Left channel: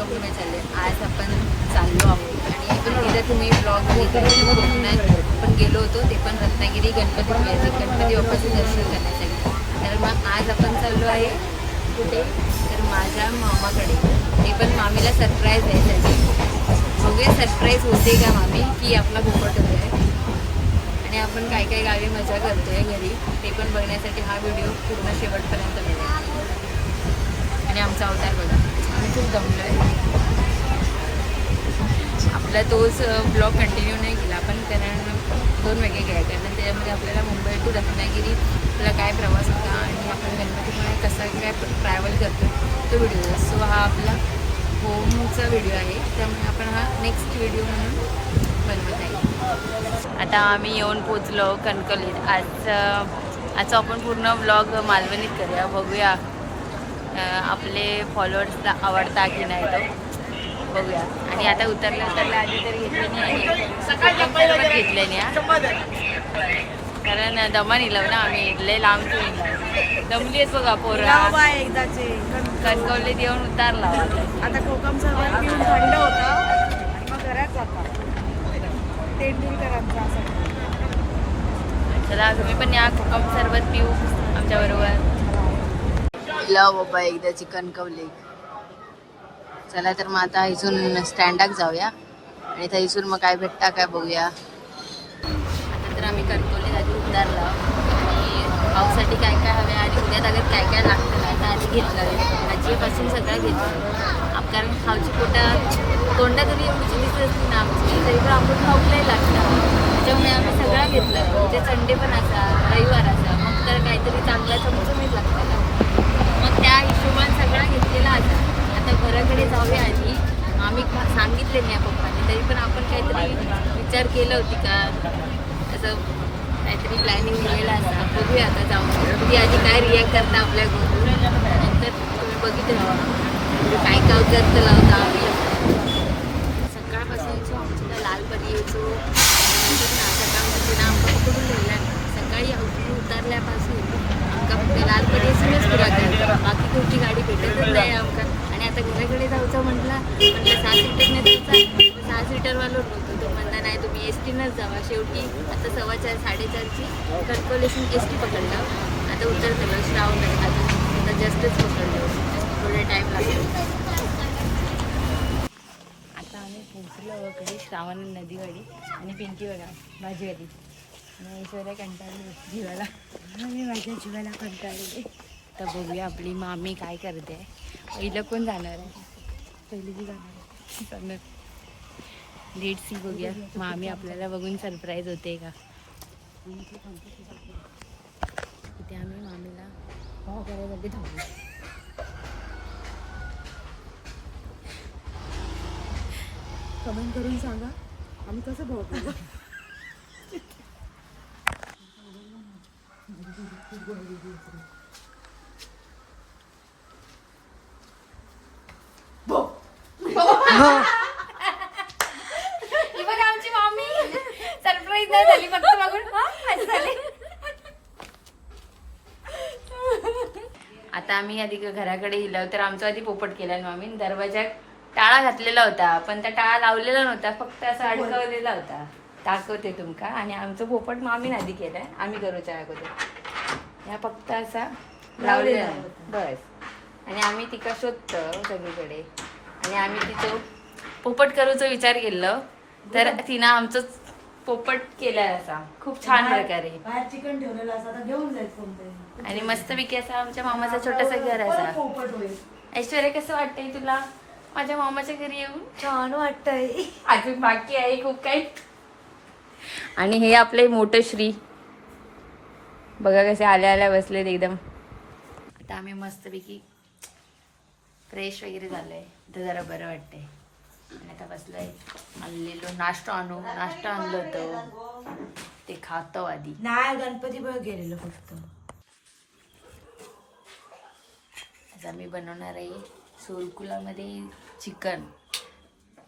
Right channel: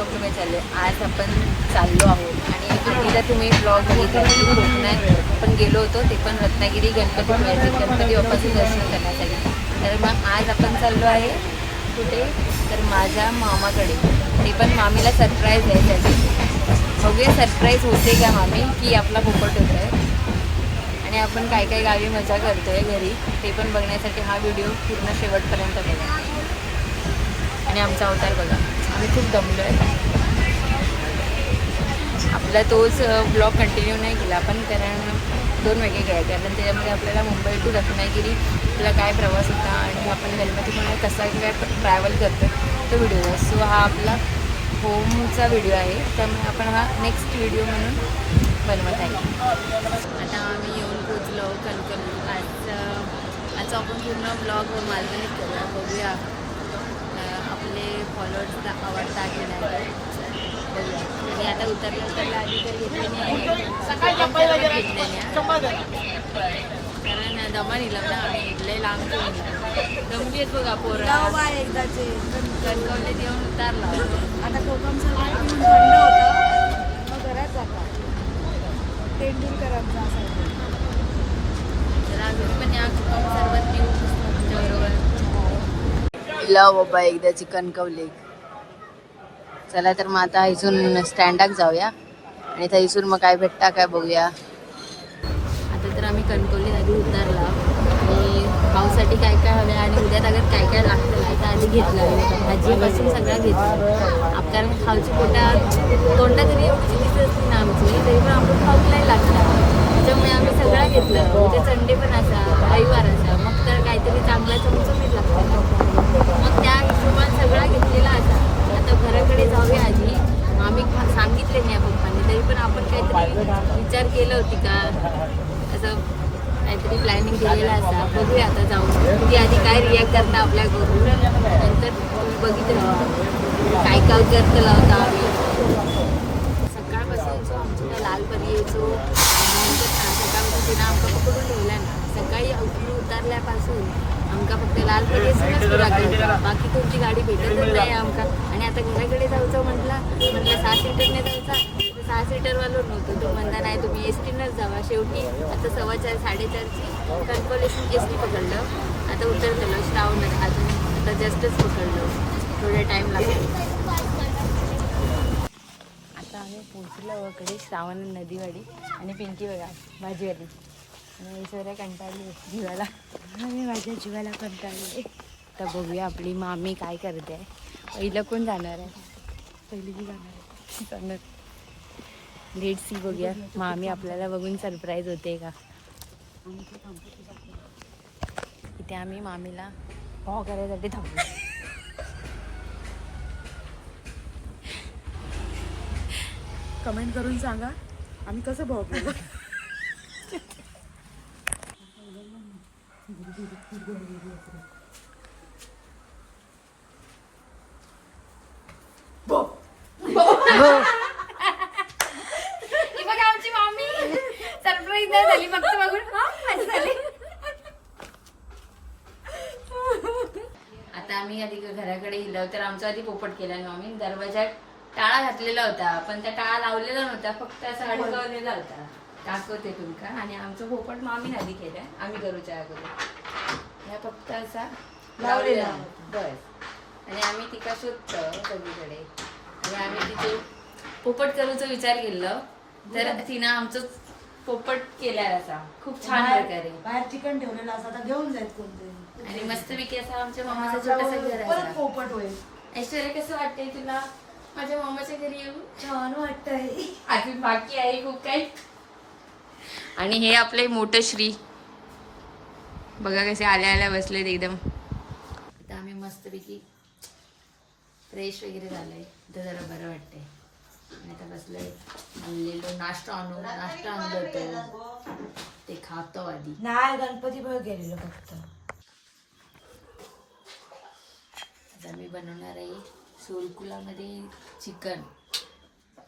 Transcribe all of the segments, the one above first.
Welcome to my channel आज आपण चाललो आहोत. आणि आधी जर तुम्ही ब्लॉग बघितला. की कोकणात आपण गेलो होतो. ते पण रत्नागिरी गणपतीपुळे गणपती बाप्पाचं दर्शन करण्यासाठी. तर मग आज आपण चाललो आहे कुठे? तर माझ्या मामाकडे. ते पण मामीला सरप्राईज द्यायसाठी बघूया सरप्राईज होते का मामी? की आपला पोपट होतो आहे आणि आपण काय काय गावी मजा करतोय घरी ते पण बघण्यासाठी हा व्हिडिओ पूर्ण शेवटपर्यंत बघा आणि आमचा अवतार बघा. आम्ही खूप दमलो आहे आपला तोच ब्लॉग कंटिन्यू नाही केला पण कारण दोन वेगळे काय कारण त्याच्यामध्ये आपल्याला मुंबई टू रत्नागिरी आपला काय प्रवास होता आणि आपण गणपतीमुळे कसा काय ट्रॅव्हल करतो तो व्हिडिओ सो हा आपला होमचा व्हिडिओ आहे. त्यामुळे आपण हा नेक्स्ट व्हिडिओ म्हणून बनवत आहे. आता आम्ही येऊन पोचलो कणकवलीत. आज आजचा आपण पूर्ण ब्लॉग मालवणीत करूया. बघूया. आपले फॉलोअर्सला आवडता की नाही तो? बघूया. आणि आता उतरल्या उतरल्या आधी तर घेतलं नाही. कोकम सरबत घेतलं नाही. कारण दमा निलव ना आम्ही. लय लांब तो निलाव दमली आहेत बघा पोरा. एकदाचे. कण- कणकवलीत. येऊन उतारला आता कोकम सरबत पिऊन थंड होतं. मग घरात जाता. तेंडुलकरांचा असायचं चला तुम्ही पण या. कोकम सरबत पिऊ आमच्याबरोबर लव बाबा एकदा चिकन कवले चला तर मग आता इथून स्टँडाक जाऊया. आणि थैसून मग काय भेटता काय बघूया. आता तर आम्ही कणकवली आधी उतारला. आणि पाऊसाठी काय काय हवे आणि उद्या अगर काय काय लागतं ना तर आधी घेतलं. भाजीपासून सगळं घेतलं. आप कारण खाऊची पोटात तोंडात तरी एवढी दिसत असते ना आमची तरी पण आमचं खाऊक नाही लागतं त्याच्यामुळे आम्ही सगळं घेतलं. उद्या संडे पण असा रविवार असा. मग तर काहीतरी चांगला चमचमीत लागतं मग त्या हिशोबाने सगळं घेतलेला असा आता घराकडे जाऊया आधी आम्ही प- सांगितले मी या पप्पांनी. तरी पण आपण काहीतरी विचार केलं होती का? असं काहीतरी प्लॅनिंग दिलेलं असा. बघूया आता जाऊन की म्हणजे आधी काय रिॲक्ट करता आपल्या घरून? नंतर तुम्ही बघित राहा काय काय करतं लावता आम्ही? सकाळपासून यायचो आमच्या लालपरी यायचो आणि नंतर ना सकाळपासून तिनं आमका पकडून ठेवला ना. सकाळी उठून उतरल्यापासून आमका फक्त लालपरीसूनच फिरा करतो बाकी कोणती गाडी भेटतच नाही आमका आणि आता घराकडे जायचं म्हटलं म्हटलं सहा सीटरने जायचा सहा सीटरवालो नव्हतो तो म्हणता नाही तुम्ही एस टीनंच जावा. शेवटी आता सव्वा चार साडेचारची कन्फर्मेशन एस टी पकडलं. आता उतरतलो श्रावण अजून आता जस्टच पकडलो. थोडा टाईम लागतो आता आम्ही पोचलो वगैरे श्रावण नदीवाडी आणि पिंकी बघा भाजीवाली आणि ऐश्वर्या कंटाळली जीवाला. मी माझ्या जीवाला कंटाळले तर बघूया आपली मामी काय करते. पहिलं कोण जाणार आहे? पहिली जी जाणार आहे. जाणार. लेट सी बघूया. मामी आपल्याला बघून सरप्राईज होते का? इथे आम्ही मामीला हो करायसाठी थांबलो. कमेंट करून सांगा. आम्ही कसं भाव करू? ही बघा आमची मामी सरप्राईज नाही झाली फक्त बघून. हा असं झाली. आता आम्ही आधी घराकडे गेलो तर आमचा आधी पोपट केला मामी दरवाजा टाळा घातलेला होता पण त्या टाळा लावलेला नव्हता फक्त असा अडकवलेला होता. दाखवते तुमका. आणि आमचं पोपट मामीन आधी केलाय. आम्ही करूच्या अगोदर. ह्या फक्त असा लावलेला. बस. आणि आम्ही तिका शोधतो सगळीकडे आणि आम्ही तिथं पोपट करूचा विचार केलं. तर तिनं आमचं पोपट केलाय असा. खूप छान प्रकारे. बाहेर चिकन ठेवलेलं असं आता घेऊन जायचं कोणतरी. आणि मस्तपैकी असा आमच्या मामाचा छोटासा घर परत असा. पोपट होईल. ऐश्वर्या कसं वाटतंय तुला? माझ्या मामाच्या घरी येऊन? छान वाटतंय. अजून बाकी आहे खूप काही. आणि हे आपले मोठं श्री. बघा कसे आल्या आल्या बसलेत एकदम. आता आम्ही मस्तपैकी फ्रेश वगैरे झालंय. तर जरा बरं वाटतंय. आणि आता बसलंय. आणलेलो नाश्ता आणू. नाश्ता आणलं होतं. ते खातो आधी. नाही गणपती बघ गेलेलो फक्त. आज आम्ही बनवणार आहे सोरकुलामध्ये चिकन.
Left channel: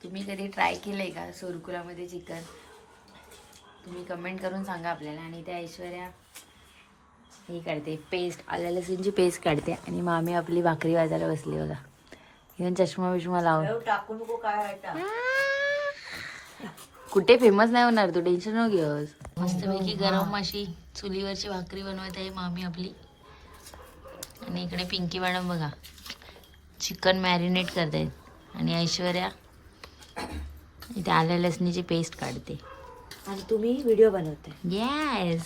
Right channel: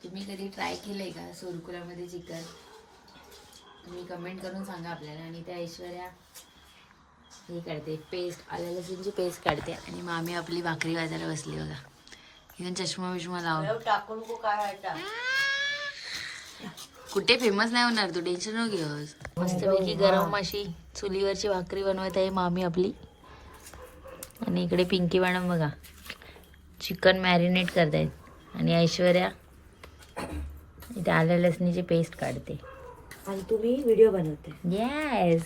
तुम्ही कधी ट्राय केलंय का सोरकुलामध्ये चिकन? तुम्ही कमेंट करून सांगा आपल्याला. आणि त्या ऐश्वर्या हे काढते पेस्ट आल्या लसूणची पेस्ट काढते आणि आम्ही आपली भाकरी वाजायला बसली बघा. घेऊन चष्मा बिष्मा लाव टाकू नको काय कुठे फेमस नाही होणार तू टेन्शन न घेऊस मस्तपैकी गरम अशी चुलीवरची भाकरी बनवत आहे मामी आपली. आणि इकडे पिंकी मॅडम बघा चिकन मॅरिनेट करतायत. आणि ऐश्वर्या इथे आल्या लसणीची पेस्ट काढते. आणि तुम्ही व्हिडिओ बनवते येस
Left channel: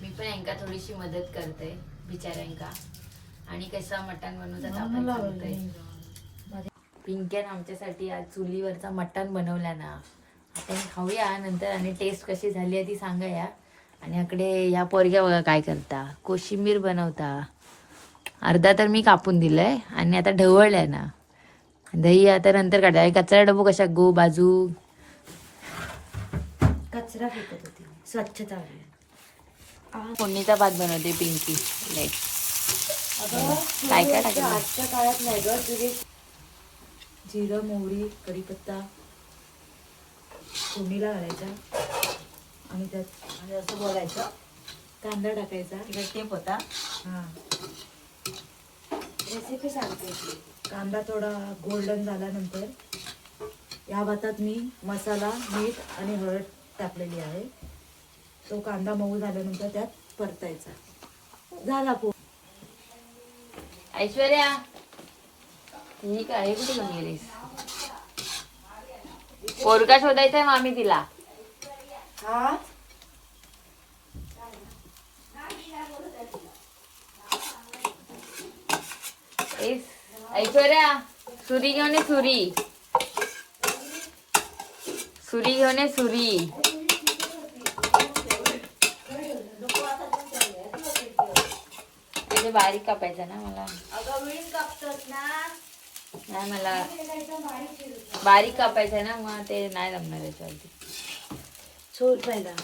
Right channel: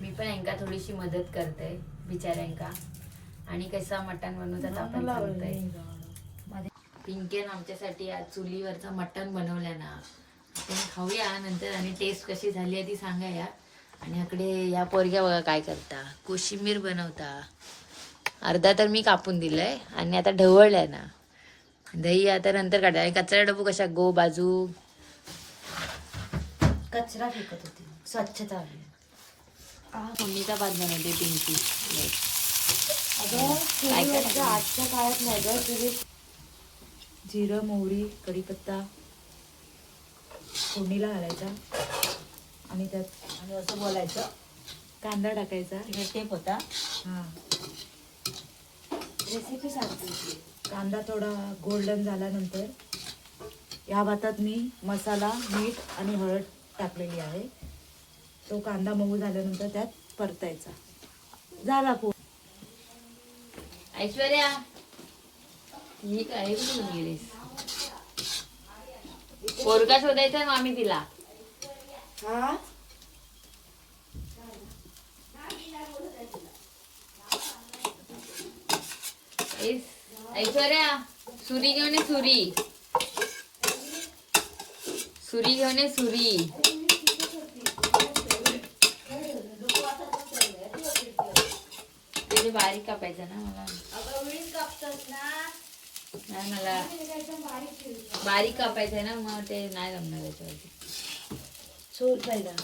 मी पण यांका थोडीशी मदत करते बिचाऱ्यांका. आणि कसं मटण बनवतात आपण सांगतोय पिंकेन आमच्यासाठी आज चुलीवरचा मटण बनवला ना. आपण खाऊया नंतर आणि टेस्ट कशी झाली आहे ती सांगाया. आणि इकडे ह्या पोरग्या बघा काय करता. कोशिंबीर बनवता. अर्धा तर मी कापून दिलंय आणि आता ढवळलंय ना. दही आता नंतर काढा कचरा डबो कशा गो बाजू? कचरा फेकत होती. स्वच्छता फोडणीचा भात. बनवते पिंकी काय काय? आजच्या काळात नाही ग तुम्ही जिरं मोहरी कढीपत्ता फोडणीला घालायचा आणि त्यात आणि असं बोलायचं. कांदा टाकायचा. टेप होता. हा. रेसिपी सांगते. कांदा थोडा गोल्डन झाल्यानंतर या भातात मी मसाला मीठ आणि हळद टाकलेली आहे. तो कांदा मऊ झाल्यानंतर त्यात परतायचा. झाला पो ऐश्वर्या ही काय कुठे गेलीस पोरगा शोधायचा आहे मामी तिला. हा ऐश्वर्या सुरी घेऊन सुरी. सुरी घेऊन ये सुरी. म्हणजे बारीक कापायचा ना मला. नाही मला बारीक कापायचा ना मग ते नाही जमणार याच्यावरती. सोड पहिला.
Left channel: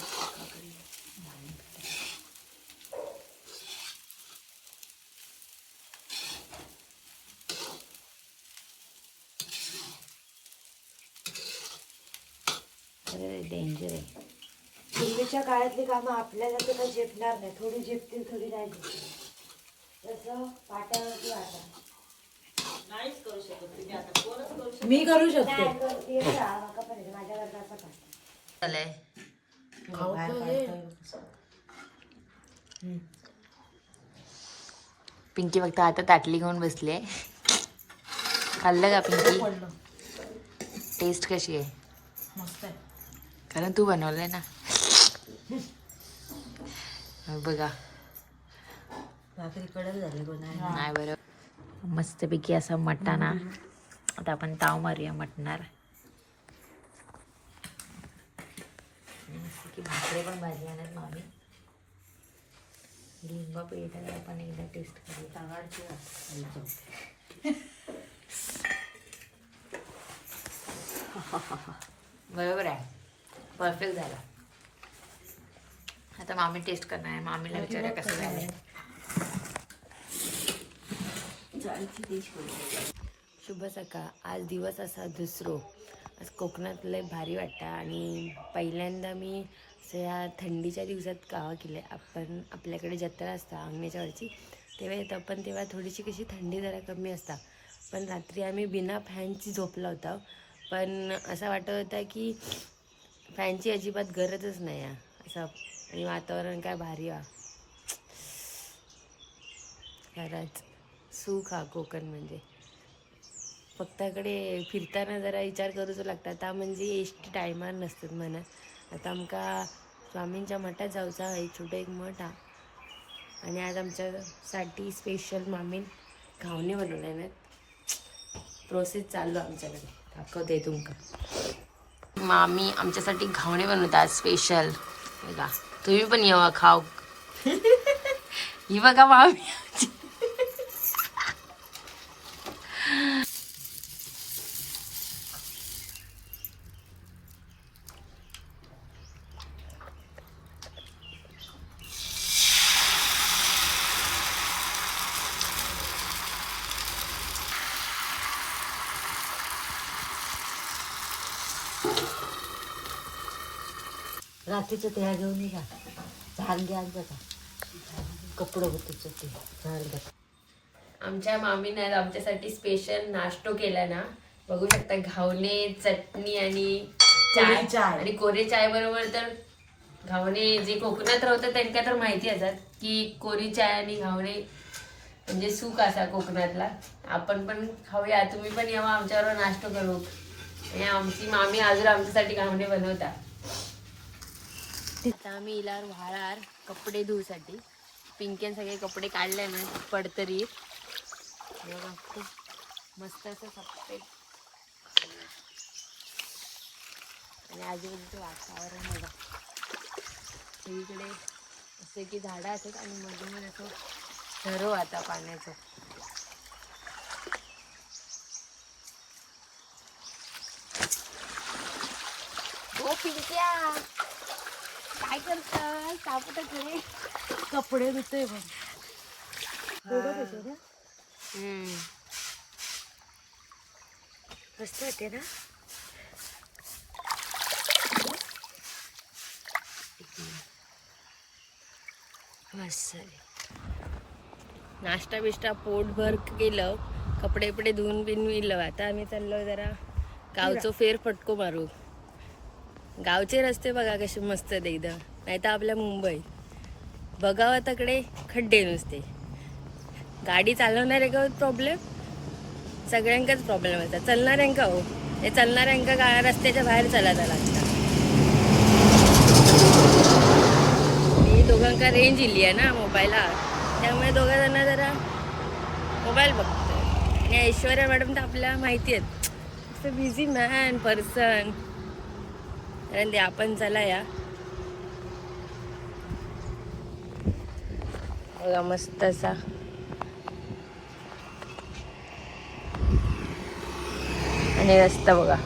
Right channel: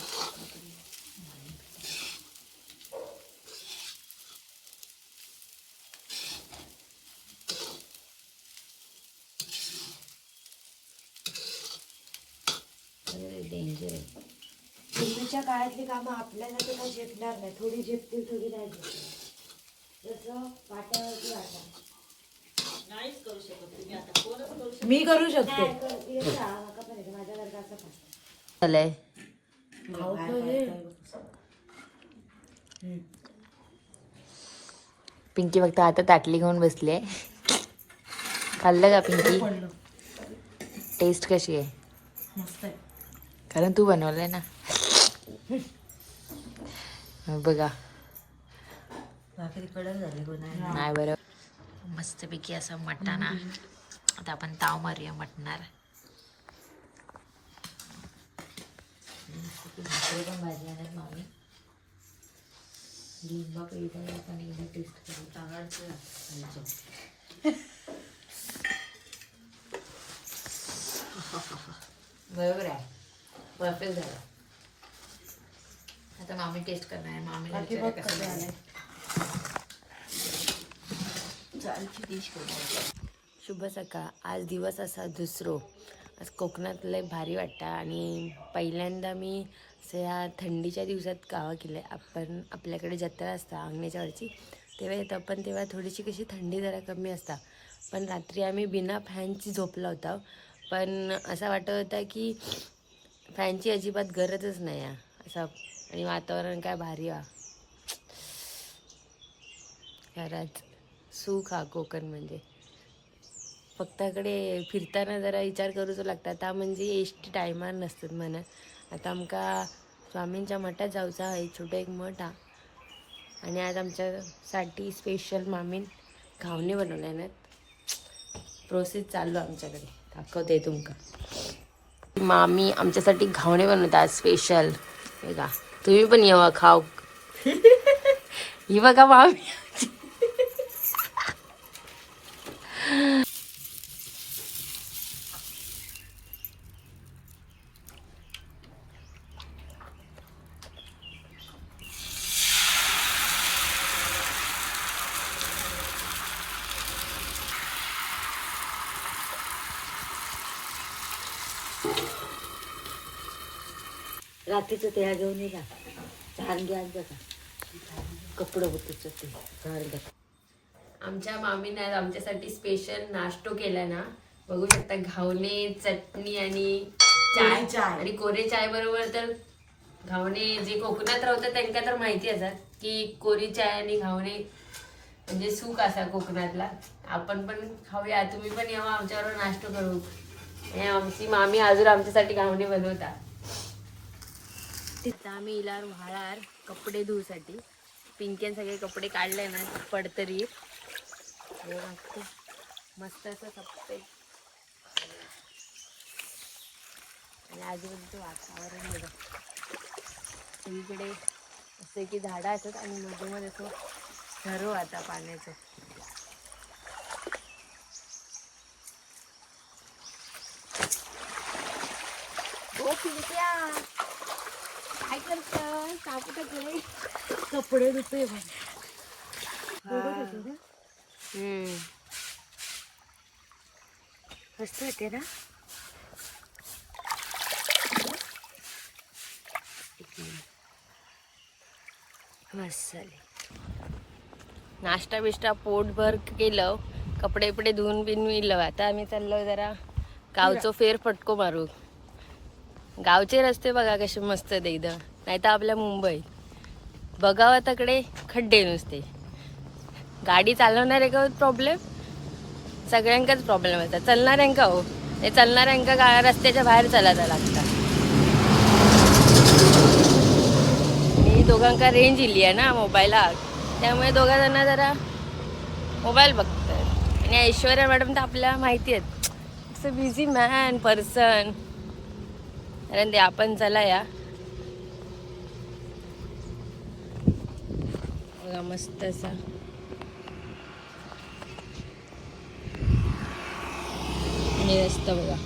डेंजर आहे. पूर्वीच्या काळातली कामं आपल्याला तर काही झेपणार नाही. थोडी झेपतील थोडी नाही झेपतील जसं पाट्यावरती वाटा. मी करू शकते. माझ्याकडे असं का झालंय. पिंकी फक्त आता ताटली घेऊन बसले खाल्लं का पिंकी? टेस्ट कशी आहे? मस्त आहे. कारण तू बनवलंय ना. बघा. नाही बरं. मस्तपैकी असा मटाणा. आता आपण ताव मारूया मटणार. भाकरी पण भाजल्या नाहीत मामी. लिंबा पिळता आपण एकदा टेस्ट करूया. बरोबर आहे. परफेक्ट झाला. आता मामी टेस्ट करणार आहे. मामीला विचारूया कसं झालं शुभ सकाळ. आज दिवस असा दुसरो. आज कोकणात लय भारी वाटतं आणि पहिल्यांदा मी असं या थंडीच्या दिवसात गावा केले आपण आपल्याकडे जत्रा असता अंगण्याच्या वरची तेव्हा येतं. पण तेव्हा थोडीशी कशी थंडी जरा कमी असता. पण रात्री आम्ही बिना फॅनची झोपला होता. पण असं वाटत होतं की फॅनची अजिबात गरजच नाही आहे. असं आणि वातावरण काय भारी वा खरंच सुख हा कोकण म्हणजे. फक्तकडे फिरताना जरा विचार करूचो लागता आता म्हणजे एस टायमार नसतात म्हणा. आता आमका स्वामींच्या मठात जाऊचा आहे छोटा एक मठ हा. आणि आज आमच्यासाठी स्पेशल मामीन घावणे बनवले ना प्रोसेस चालू आमच्याकडे. दाखवते तुमका. मामी आमच्यासाठी घावणे बनवतात स्पेशल बघा तुम्ही पण येवा खाव ही बघा मामी रात्रीचं तेळा घेऊन ये जा. झाड घ्या का कपडं होते ते. झाड घ्या आमच्या मामीनं आमच्यासाठी स्पेशल नाश्तो केला ना. बघू शकता घावणे चटणी आणि चाय. चाय. आणि कोरे चाय बरोबर तर घावणे जे कोकणात राहतात त्यांना तर माहिती असतात की कोरी चाय आणि घावणे म्हणजे सुख असा कोकणातला. आपण पण खाऊया. तुम्ही पण यावं. आमच्याबरोबर नाश्तो करू. आणि आमची मामी अजून आमच्यासाठी घावणे बनवतात. आता आम्ही इला व्हाळार कपडे धुवसाठी. पिंकेन सगळे कपडे काढले ना पडतरी. मस्त असं कपडे. आणि आजूबाजूचं वातावरण बघा. सगळीकडे असे की झाडं असतात आणि मध्ये मध्ये असं ठरव आता पाण्याचं. ओ पिंक्या काय करतं? सापट घरी कपडे धुतोय हम्म. मस्त होते ना? नाश्ता बिष्टा पोटभर केलं. कपडे बिपडे धुवून बिन आता आम्ही चाललो जरा गावचो फेर फटको मारू. गावचे रस्ते बघा कसे मस्त एकदम नाही तर आपल्या मुंबईत बघावं तकडे खड्डे नुसते. गाडी चालवणारे का प्रॉब्लेम सगळ्यांकाच प्रॉब्लेम येतात चालणाऱ्यांका हो. ते चालणाऱ्यांका गा रस्त्याच्या बाहेर चालायला लागतात. मी दोघांका रेंज इली आहे ना मोबाईलात त्यामुळे दोघा जण जरा मोबाईल बघतात आणि ऐश्वर्या मॅडम तर आपल्या माहिती आहेत. असं बिझी मॅन पर्सन कारण ते आपण चला या. बघा मस्त असा. आणि रस्ता बघा.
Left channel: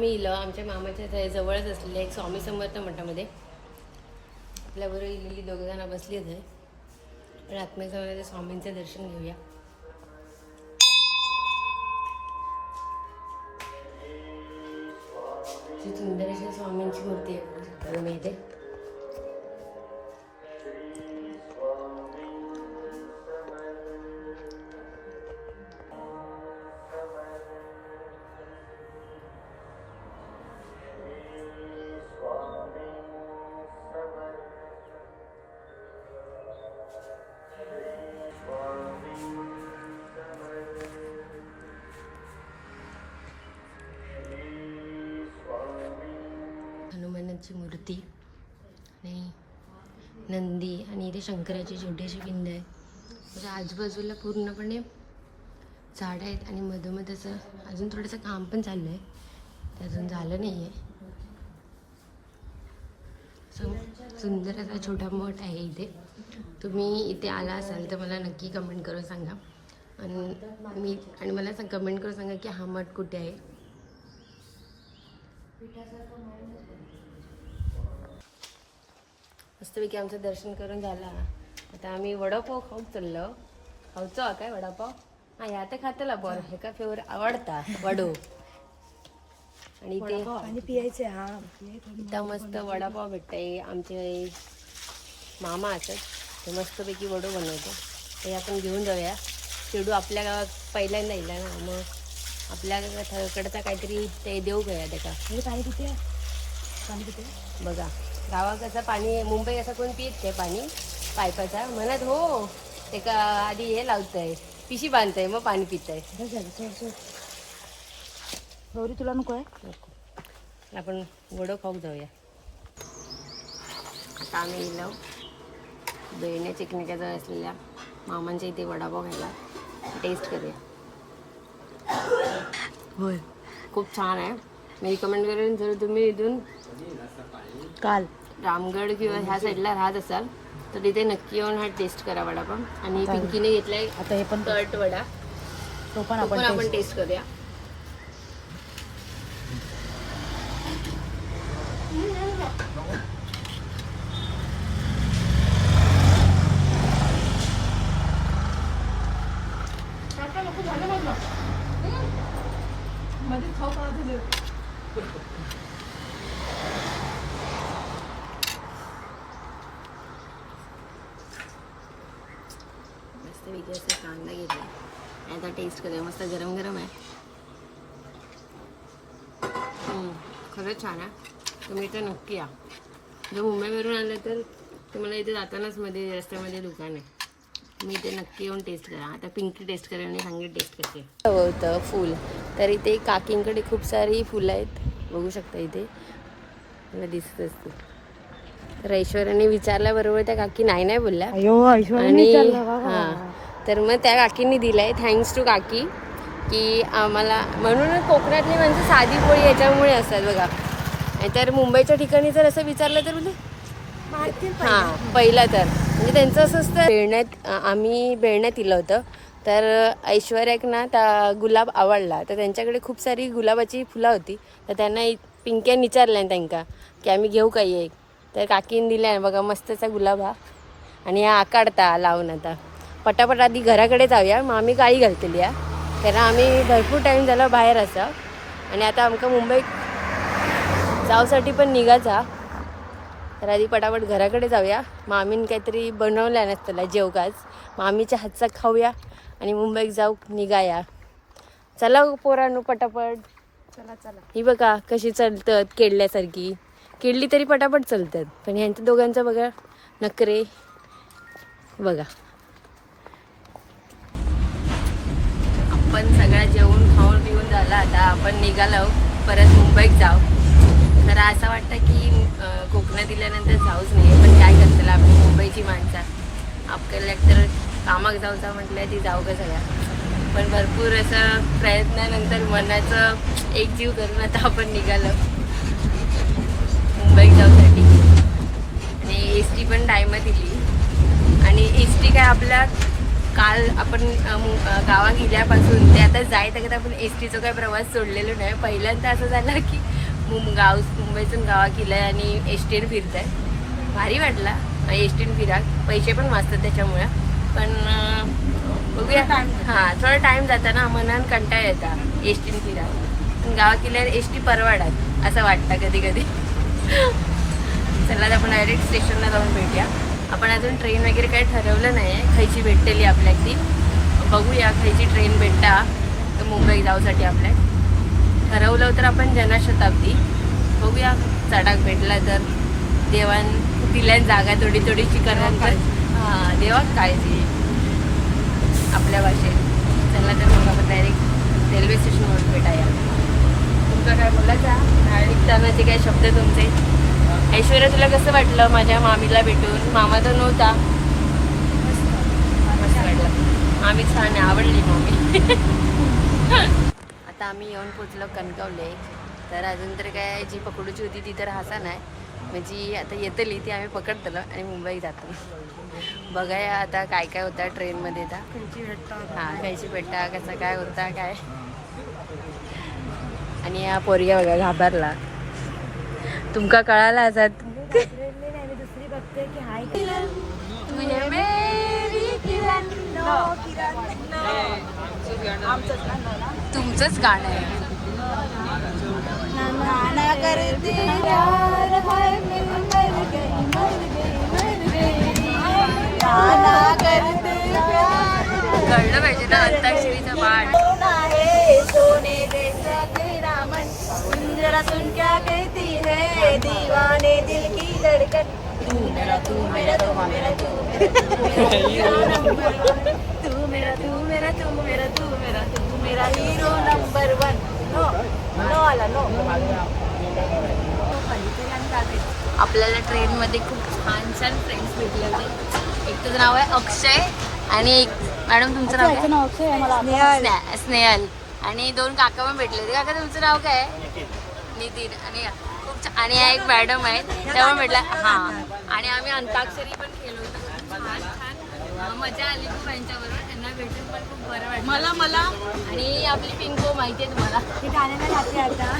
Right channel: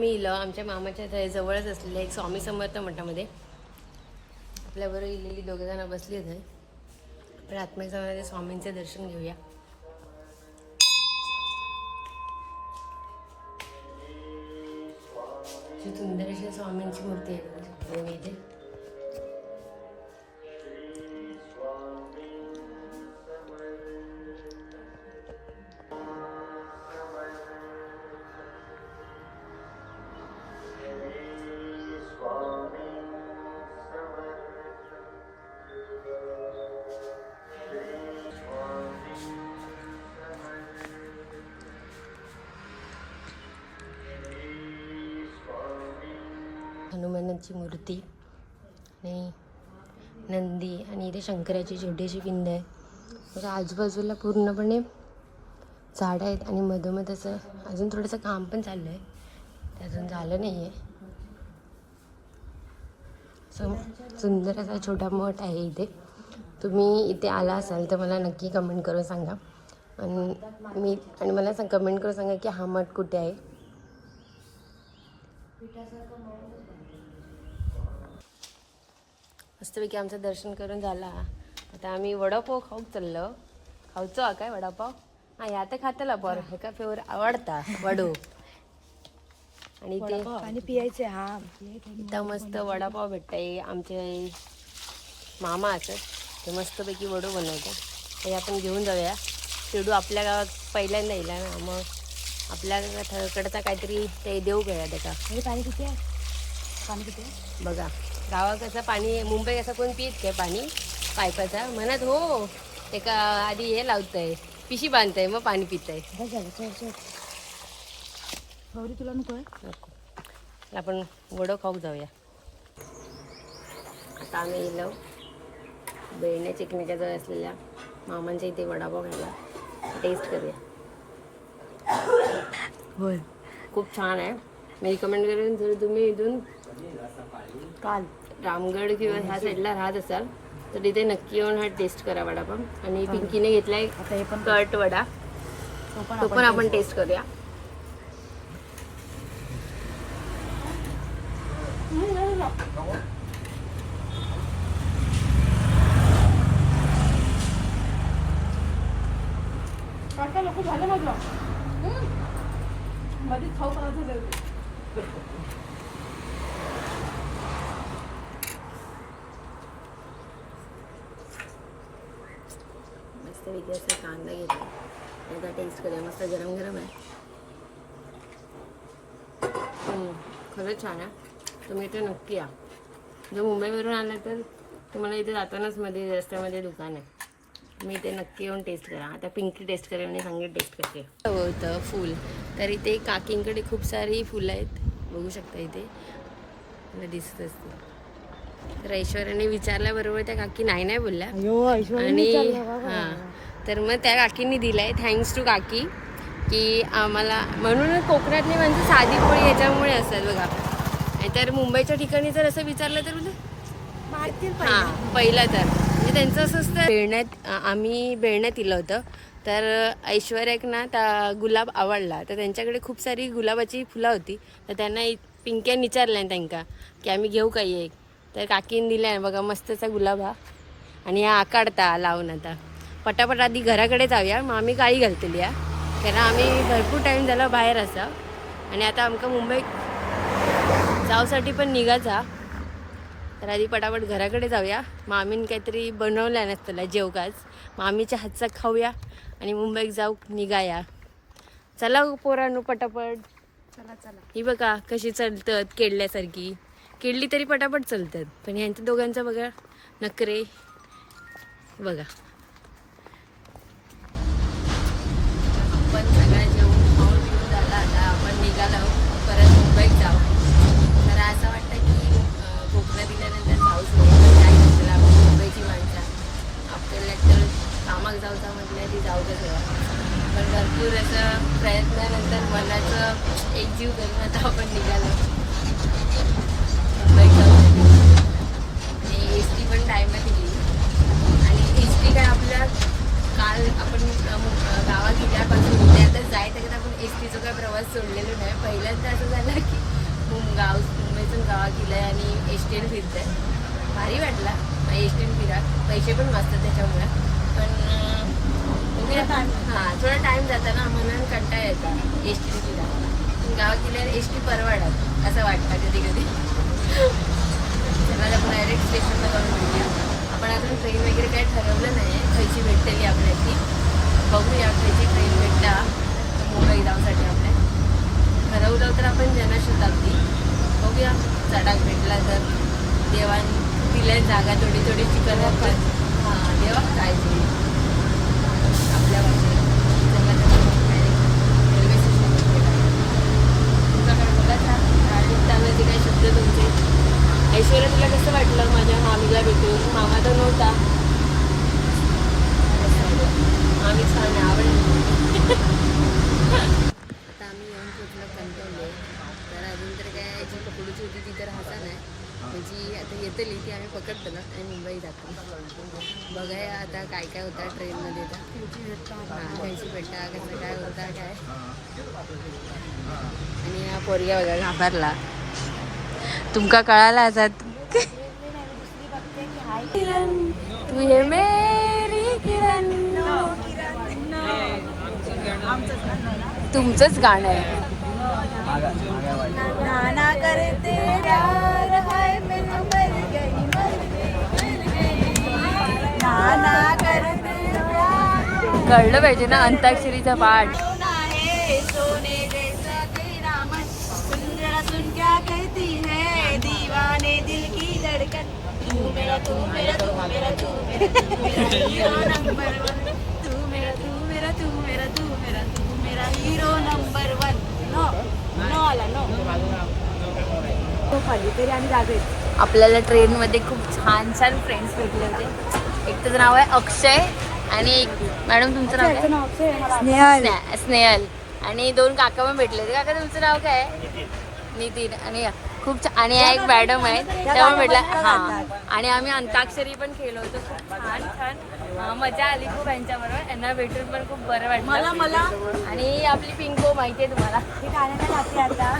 आम्ही इलं आमच्या मामाच्या जवळच असलेल्या एक स्वामी समर्थ मठामध्ये. आपल्याबरोबर इलेली दोघं जण बसली होते पण आत्म्याच्या जाऊन स्वामींचं दर्शन घेऊया. सुंदर अशी स्वामींची मूर्ती आहे मी इथे. हनुमानाची मूर्ती आणि नंदी आणि इथे शंकराची छोटीशी पिंड आहे. त्याच्या आजूबाजूला पूर्णपणे झाडं आहेत आणि मधोमध असं अजून थोडंसं काम पण चाललं आहे. ते अजून झालं नाही आहे सुंदर असा छोटा मठ आहे इथे. तुम्ही इथे आला असाल तर मला नक्की कमेंट करून सांगा. आणि मी आणि मला सांग कमेंट करून सांगा की हा मठ कुठे आहे? मस्तपैकी आमचं दर्शन करून झाला. आता आम्ही वडापाव खाऊक चाललो. खाऊचो हा काय वडापाव? हा ह्या तर खातला पर. हे का फेवर आवडता? वडू. आणि ते आणि पियायचे हा. इथं मस्त वडापाव भेटतंय. आमचे मामा असत ते मस्तपैकी वडू बनवते ते आपण घेऊन जाऊया. शेडू आपल्या गावात पहिल्यांदा येईल ना मग आपल्याकडचा काहीतरी ते देऊ गया त्याचा पाणी किती आहे? पाणी किती आहे? बघा. गावात कसं पाणी मुंबई कसं कोण पित काय पाणी? पायपाचा म्हणत हो ते का आधी हे लावतंय. पिशी बांधतंय मग पाणी पितंय. गौरी तुला नको आहे नको. आपण वडो खाऊक जाऊया. आता आम्ही गेलो बेळण्या चिकण्याच्या जवळ असलेल्या मामांच्या इथे वडापाव खायला. टेस्ट करूया. होय. खूप छान आहे. मी रिकमेंड करेन जर तुम्ही इथून काल. रामगड किंवा ह्या साईडला राहत असाल तर तिथे नक्की येऊन हा टेस्ट करा वडापाव. आणि पिंकीने घेतलाय आता हे पण कट वडा. तो पण तो पण आपण टेस्ट करूया. मस्त वेगळी असं कांदा घेतला आणि आता टेस्ट करूया मस्त गरम गरम आहे हम्म, खरंच छान आहे तुम्ही इथे नक्की या। जर मुंबईवरून आलं तर तुम्हाला इथे जातानाच मध्ये रस्त्यामध्ये दुकान आहे. तुम्ही इथे नक्की येऊन टेस्ट करा. आता पिंकी टेस्ट करेल आणि सांगेल टेस्ट करते. होतं फुल. तर इथे काकींकडे खूप सारी फुलं आहेत. बघू शकता इथे. मला दिसत असते तर ऐश्वर्याने विचारल्याबरोबर त्या काकी नाही नाही बोलल्या. अयो आणि हां. तर मग त्या काकींनी दिलंय. थँक्स टू काकी की आम्हाला म्हणून कोकणातली म्हणजे साधी पोळी याच्यामुळे असतात बघा. नाहीतर मुंबईच्या ठिकाणी जर असं विचारलं तर म्हणजे हां पहिला. तर. म्हणजे त्यांचं असं असतं बेळण्यात आम्ही बेळण्यात दिलं होतं. तर ऐश्वर्याक ना त्या गुलाब आवडला. तर त्यांच्याकडे खूप सारी गुलाबाची फुलं होती. तर त्यांना पिंक्यान विचारलं त्यांका की आम्ही घेऊ काही एक? तर काकीन दिल्या बघा मस्तचा गुलाब हा. आणि हा काढता लावून आता. पटापट आधी घराकडे जाऊया. मग आम्ही गाई घालतली या. कारण आम्ही भरपूर टाईम झाला बाहेर असा. आणि आता आमका मुंबईत जाऊसाठी पण निघायचा. तर आधी पटापट घराकडे जाऊया. मामीन काहीतरी बनवलं नसतं जेवकाच मामीच्या हातचा खाऊया आणि मुंबईत जाऊ निघाया. चला हो पोरांनो पटापट. चला चला. ही बघा कशी चालतात केळल्यासारखी. केळली तरी पटापट चालतात. पण ह्यांच्या दोघांचं बघा नखरे. बघा. आपण सगळ्या जेवून खाऊन पिऊन झालं आता आपण निघालो परत मुंबईत जाऊ. तर असं वाटतं की कोकणात दिल्यानंतर जाऊच नाही पण काय करतील आपली मुंबईची माणसं? आपल्याला तर कामाक जाऊ जा म्हटलं ती जाऊ का सगळ्या. पण भरपूर असं प्रयत्नानंतर मनाचं एक जीव करून आता आपण निघालो. मुंबईत जाऊसाठी आणि एस टी पण टायमात दिली. आणि एस टी काय आपल्या काल आपण गावा गेल्यापासून ते आता जायत आपण एस टीचा काही प्रवास सोडलेलो नाही. पहिल्यांदा असं झालं की मुं गाव मुंबईतून गावा गेलाय आणि एस टीने फिरताय. भारी वाटला. एस टीने फिरा. पैसे पण वाचतात त्याच्यामुळे. पण बघूया. हां थोडा टाइम जाता ना मनान कंटाळ येतात एस टीने फिरा. पण गावात गेल्यावर एस टी परवडात असं वाटतं कधी कधी चला आपण डायरेक्ट स्टेशनला जाऊन भेटूया. आपण अजून ट्रेन वगैरे काही ठरवलं नाही आहे खयची भेटलेली आपल्या ती बघूया खयची ट्रेन भेटता. तर मुंबई जाऊसाठी आपल्या. ठरवलं तर आपण जनशताब्दी बघूया चडाक भेटला तर. देवान दिल्या जागा थोडी थोडीची करत हां देवाक काय ते आपल्या भाषेत चला तर मग आपण डायरेक्ट रेल्वे स्टेशनवर भेटाया तुमचं काय बोलायचं गाडीत जाण्याचे काय शब्द तुमचे? ऐश्वर्या तुला कसं वाटलं माझ्या मामीला भेटून? मामा तर नव्हता. वाटलं मामी छान आवडली मामी. आता आम्ही येऊन पोचलो कणकवले. तर अजून तर काय जी पकडूची होती ती तर हाता नाही म्हणजे आता येतली ती आम्ही पकडतलं आणि मुंबई जातो. बघाया आता काय काय होता ट्रेनमध्ये आता. हां खायची भेटा कसं काय होता काय? आणि या पोरग्या बघा घाबरला. तुमका कळाला असत तू हे मेरी किरण. तुमचंच गाणं आहे. कळलं पाहिजे ना अंताक्षरीचा पाठ. सोने जरा सुन क्या कहती है? दीवाने दिल की धड़कन। तू मेरा तू मेरा तू मेरा तू मेरा नंबर तू मेरा तू मेरा तू मेरा तू मेरा तू मेरा hero number one. No no आला नो। आपल्याला ट्रेनमध्ये खूप छान छान फ्रेंड्स भेटले होते. एक तुझं नाव आहे अक्षय आणि एक मॅडम तुमचं नाव काय? स्ने- स्नेहल. आणि दोन काका पण भेटले होते. काका तुमचं नाव काय? आहे? नितीन आणि खूप आणि हा एक मॅडम आहे. पण भेटला हा. आणि आम्ही अंताक्षरी पण खेळलो होतो. खूप छान छान. मजा आली खूप यांच्याबरोबर. यांना भेटून पण खूप बरं वाटलं. मला आणि आपली पिंको माहिती आहे तुम्हाला. मी ठाण्याला जाते आता.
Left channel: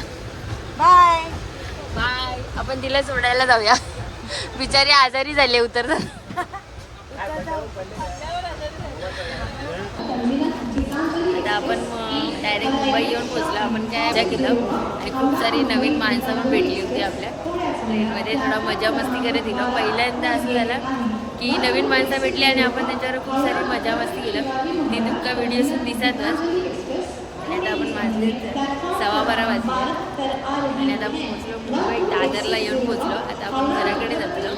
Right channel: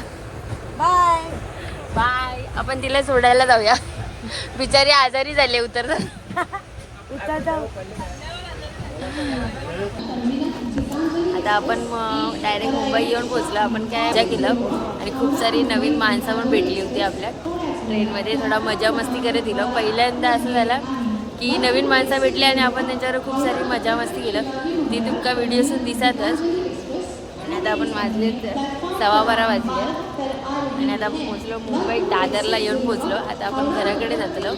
बाय बाय आपण तिला सोडायला जाऊया. बिचारी आजारी झाले उतर आता आपण डायरेक्ट मुंबई येऊन पोहोचलो. आपण काय मजा केलं? आणि खूप सारी नवीन माणसं पण भेटली होती आपल्या. ट्रेनमध्ये थोडा मजा मस्ती करत गेलो. पहिल्यांदा असं झालं की नवीन माणसं भेटली आणि आपण त्यांच्यावर खूप सारी मजा मस्ती केलं. ती तुमका व्हिडिओसून दिसतच. आणि आता आपण वाजले सव्वा बारा वाजले. आणि आता आपण पोचलो मुंबई दादरला येऊन पोचलो. आता आपण घराकडे जातलो.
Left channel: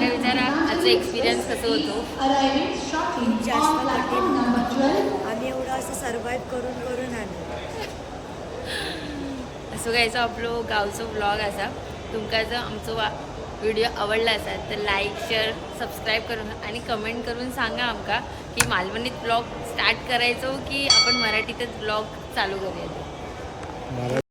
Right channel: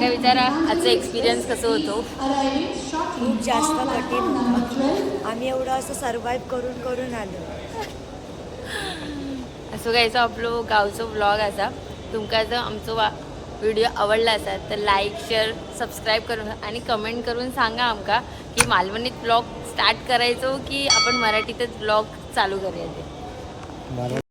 काय विचारा आजचा एक्सपिरियन्स कसं होतो? खूप जास्त कठीण. आम्ही एवढं असं सर्वाईव्ह करून करून आलो. असो गायचो आपलो गावचो ब्लॉग असा. तुमका जर आमचो वा व्हिडिओ आवडला असा तर लाईक शेअर सबस्क्राईब करून आणि कमेंट करून सांगा आमका की मालवणीत ब्लॉग स्टार्ट करायचो की आपण मराठीतच ब्लॉग चालू करूया ते.